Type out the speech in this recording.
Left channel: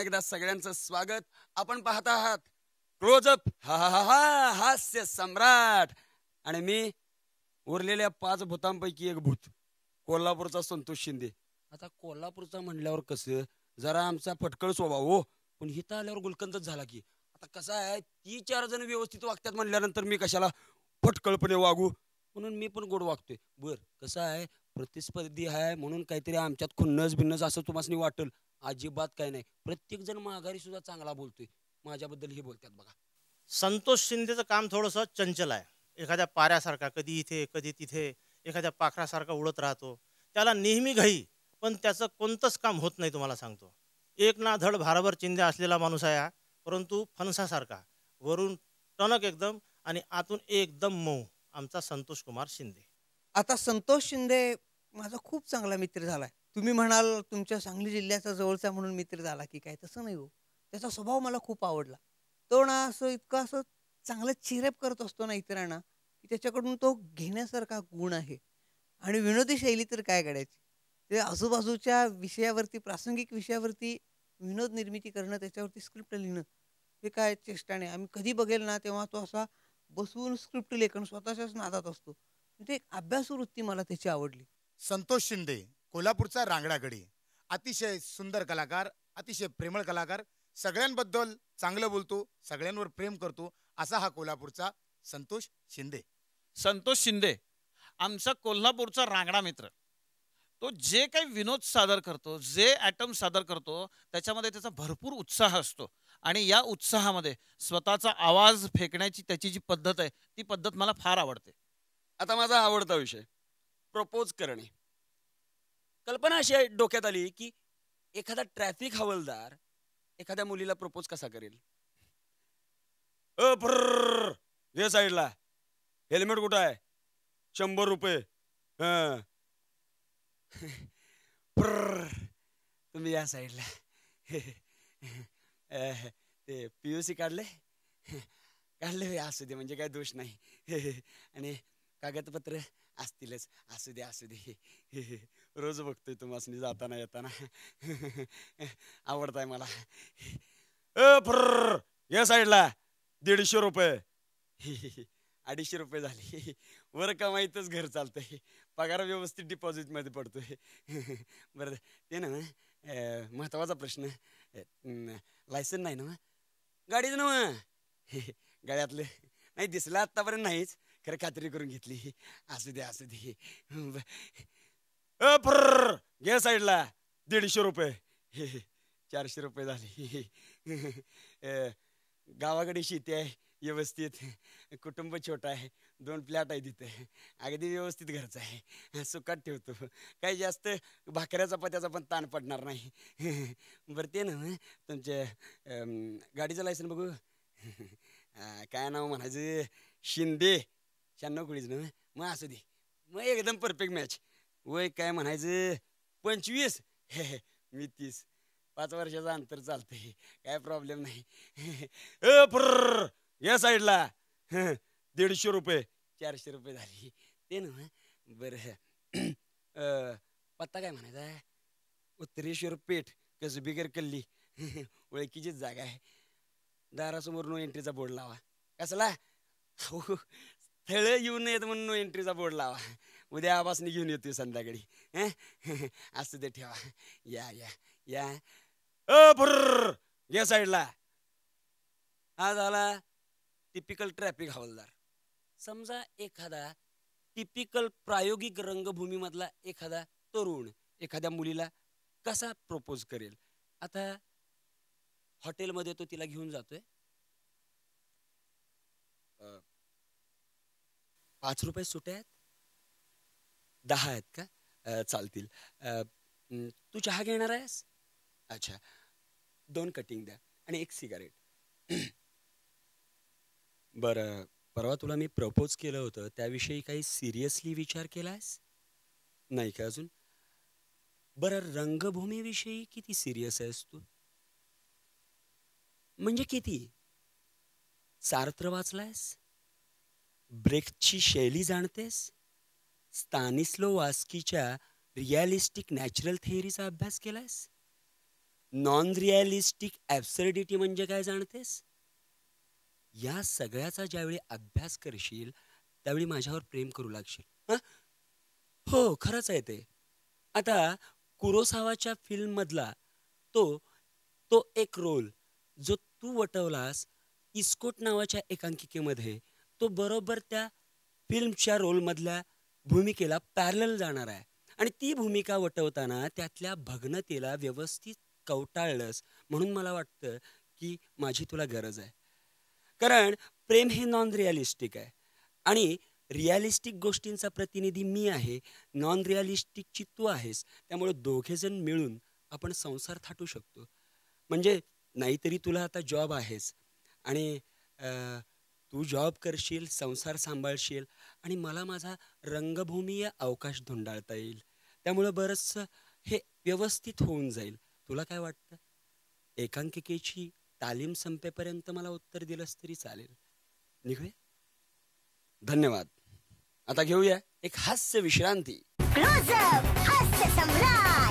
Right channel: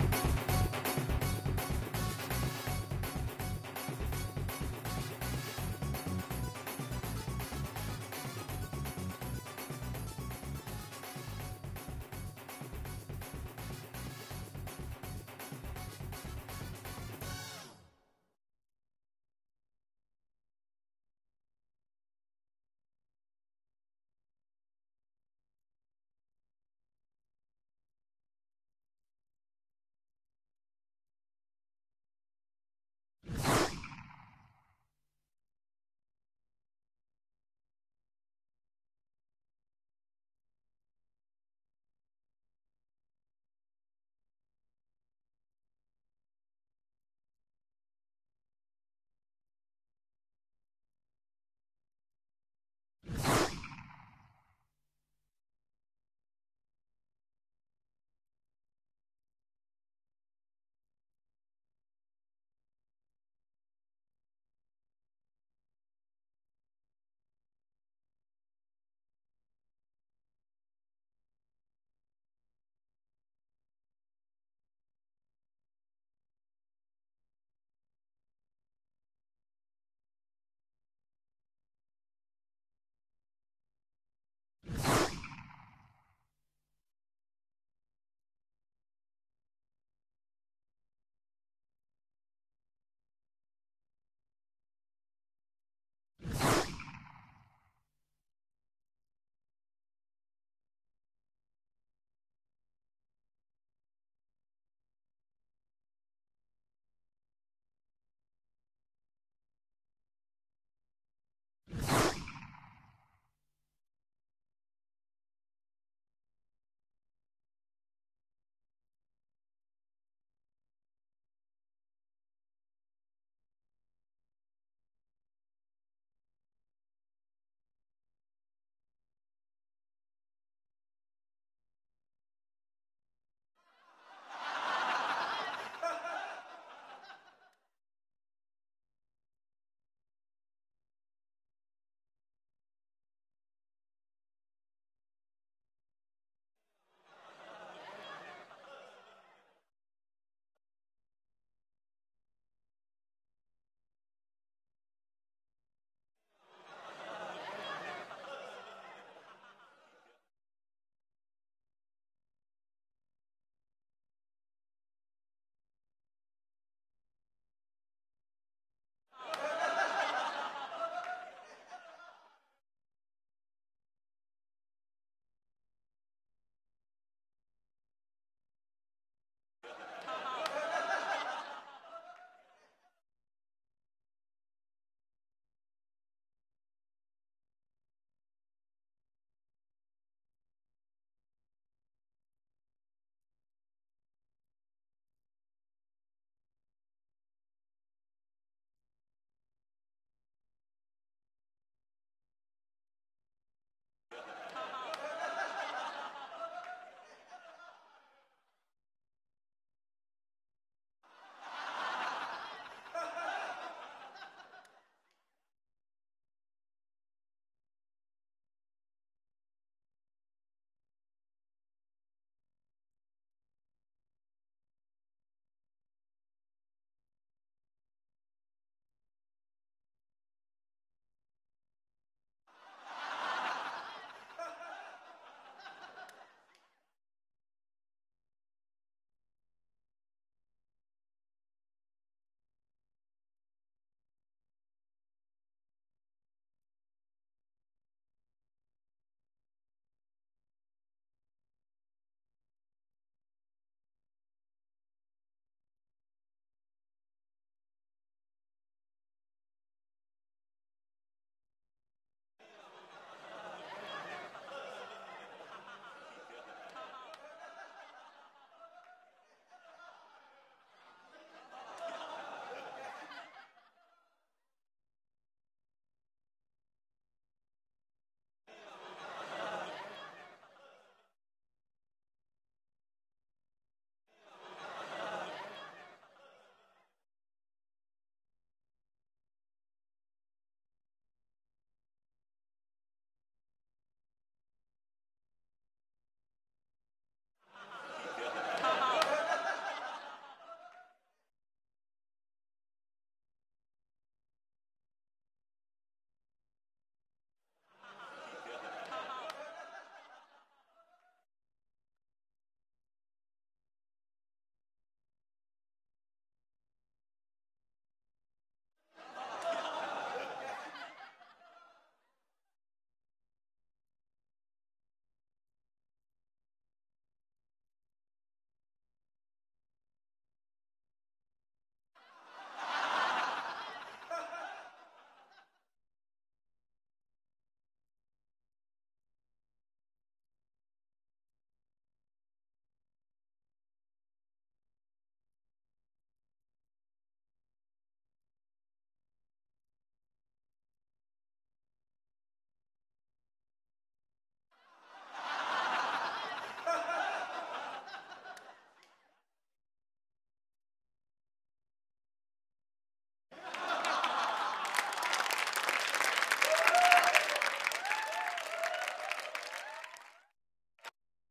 पुन्हा एकदा सगळ्यांचं स्वागत. आपण पाहत आहात क्लोजअप हा हा हा हा हास्य सम्राट आणि मी उरलेल्या 5 भूतांपैकी एक भूत, कोल्हापूरचा संतोष शिंदे. आता कोल्हापूरचा म्हणल्यावर कसं जरा आमचा पटकळ स्वभाव हो, पण इथं आल्यावर गुलकंदच झाला की. कसं आहे, ती 4 जण व्यवस्थित वागतात म्हणल्यानंतर मी कशाला फटकळपणे वागू, म्हणून मी पण गोड वागतोय. बर कसं आहे, प्रतिस्पर्धी आहे म्हणून काहीतरी आमच्यात खुन्नस बिन्नस असं तुम्हाला वाटेल, अजिबात काय नाही. प्रत्येक जण माघारी सुद्धा चांगला बोलतोय, माझ्याबद्दल हे बोलतात बघा. संतोष शिंदेचं काम थोडंसं चंचल आहे. एखाद्या पाऱ्यासारखा कधी इथे कधी तिथे, एखाद्या पाखरासारखा उडत राहतो. त्याला नेहमी घाई, पण त्याचं कोणतंच काम होत नाही. तुम्हाला सांगतो, एक ना धड भारभर चिंध्या असलेला माणूस आहे हा, परंतु फणसासारखा, वरून टणक एकदम आणि आतून एकदम मऊ, आमचा संतोष कुमार शिंदे. आता संतोष शिंदे माझा खूप चांगला मित्र झालाय. तुम्ही म्हणाल तुमच्या सांगली जिल्ह्याचा जवळचा म्हणून मित्र झाला की काय, तसं नाही हो. त्याचा स्वभाव मला खूप आवडला. तो ना असं इतकं असं चांगलं चिरेप करत असतो ना इतरांना, की त्याच्याकडून तो घेण्यासारखा गुण आहे. आणि विनोदी शैली तर काय काढायची. ते आजूबाजूच्या विषयावरती, प्रासंगिक विषयावरती विनोद निर्मिती करणं, त्याच्यावरती स्क्रिप्ट लिहिणं, हे काय चेष्टा नाही. आम्ही कधी बघेल ना तेव्हा तो असा बसून स्क्रिप्ट लेखन स्वतःच्याच नादात असतो. ते एक अभ्यासू वृत्ती मला त्याची आवडली. संतोष शिंदे कोल्हापूरचा रांगडागडी, अतिशय सुंदर कलाकार, अतिशय प्रेमळ कलाकार, सगळ्यांबद्दल चांगलं बोलतो, सगळ्यांवर प्रेम करतो, असा हा कोल्हापूरचा संतोष शिंदे. संतोष शिंदे आमचा कोल्हापूरचा रांगडा मित्र. तो जे काही विनोद सादर करतो, जे ॲटम सादर करतो, त्याच्यामध्ये त्याचा भरपूर उत्साह असतो आणि या उत्साहामध्ये स्वतःचा आवाज फेकण्याची त्याची जी पद्धत आहे, ती पद्धत मला फार आवडते. आता माझा आवडता विषय प्रपोज करणे. कल्पना अशी आहे डोक्यात आली की एखादा ट्रॅफिक हवालदार एखाद्या मुलीला प्रपोज कसा करेल. घे साईडला, हेल्मेट कुठं आहे, 100 रुपये. तुम्ही या साईडला. PUC काढले काढले असू दे, म्हणजे काय दोष नाही. आणि कागदपत्र असतीलच, असू दे असू दे. रोज बघतोय तुम्हाला जाताना येताना. आवडताय मला. या साईडला 150 रुपये. 250 रुपये झाले. वर कमाईतच घर चालतंय, पगार व्यवस्थित डिपॉझिट मध्ये पडतोय. बरं ते ना महत्वाचा प्रश्न, लायसन नाही ना गाडीचं ना. गाड्यातलं नाही दिसलं आतापर्यंत नाहीच, खरं खात्री करून घेतली. असू दे असू दे. घे साईडला 150 रुपये. 400 रुपये झाले. गावाकडे शेती आहे व्यवस्थित, कुटुंब छोटं आहे, 2 फ्लॅट आहे तिथे, अगदी व्यवस्थित घरचं आहे, सुखात ठेवतो. काही जास्त भाकऱ्या चपात्याचा पण ताण पडणार नाही. बरं ते ना तुमच्या गाडीचं लायसन बघू. काय नाव म्हणायचं, शिंदे 96 कुळीच ना. मग असू दे, मग एकदम परफेक्ट मॅच. वय काय म्हणायचं 25, मी 30. 5 वर्षाचं अंतर चालतंय, काय प्रॉब्लेम नाही. या साईडला 150 रुपये. 400 रुपये झाली. ते ना बरं पत्ता काय म्हणायचा, उत्तरेश्वर पेठ, कसबीगर कल्ली. ओळखीचीच जागा आहे. दारासमोर नो एंट्रीचा बोर्ड लावा. कसला स्थळ येऊ नयेत म्हणून नो एंट्रीचा बोर्ड लावा. उद्या आवासने घेऊन येतोय संध्याकाळी. असू दे, ठेवा. या या या. या साईडला. हा झाला टिपिकल ट्रॅफिक हवालदार. समजा एखादा टिपिकल प्रायोगिक रंगभूमीमधला एखादा तरुण एखाद्या मुलीला कसा प्रपोज करेल. आता हॉटेलमध्ये तो तिला घेऊन जातोय. 5 रुपये सुटे आहेत, 10 आहेत का, चालतील. तू चहा घेणार आहेस. अच्छा, 2 कटिंग द्या आणि 1 सिगारेट. बरं, परवा तुला मी प्रपोज केलं होतं, त्याविषयी काही सिरियसली विचार केलायस नाही का अजून. बरं, रंगभूमीविषयी किती सिरियस आहेस तू, म्हणजे किती. सार्त्र वाचलायस, ब्रेख्टची शैली जाणतेस, स्तानिस्लो वास्कीच्या रिअलिस्टिक नॅचरल थिअरीचा अभ्यास केलायस. नॉन रिअलिस्टिक ऍब्सर्डिटी म्हणजे काय जाणतेस? या सगळ्याचा ज्यावेळी अभ्यास करशील त्यावेळी माझ्यावर प्रेम करू लागशील. हं? हो, खरंच आहे ते. आता कुरोसावाच्या फिल्म मधला तो तो एक रोल जो तू वटवलास इस्कोट नावाच्या एकांकिकेमध्ये, तो बरोबर त्या फिल्मच्या रोलमधल्या भूमिकेला पॅरलल जाणार आहे. आणि ती भूमिका वटवताना त्यातल्या भग्नतेला व्यवस्थित कवटाळलंस म्हणून मला वाटतं की माझी तुला गरज आहे. कारण प्रेम हे नॉन रिअलिस्टिक आहे आणि रिअलिस्टिक गोष्टींचा प्रतिनिधी मी आहे, नॉन रिअलिस्टिकची तू आहेस. त्यामुळे दोघेजण मिळून आपण संसार थाटू शकतो. म्हणजे नाहीतरी तुला आता जॉब आहेस आणि तू जॉब करशील, संसार सांभाळशील आणि मला माझा रंगभूमीय अवकाश धुंडाळता येईल. त्यामुळे बरंचसं हे व्यवस्थित होऊन जाईल. तुला काय वाटतं? एकांकिकेची तालीम संपेपर्यंत मला उत्तर दिलंस तरी चालेल. निघू? धन्यवाद. आता घेऊया एक हास्य विश्रांती. क्लोजअप हास्य सम्राट.